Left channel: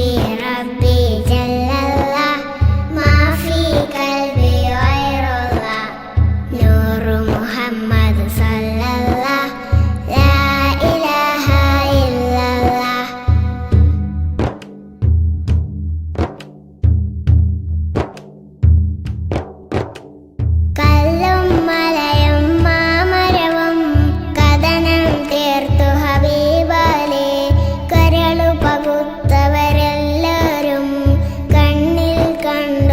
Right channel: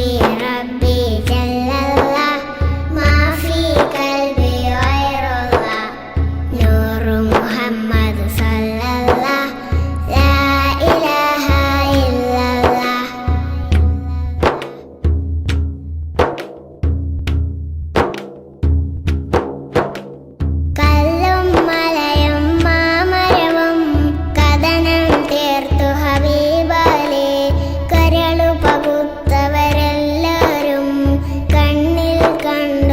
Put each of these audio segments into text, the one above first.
Yeah.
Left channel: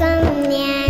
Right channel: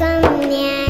过年。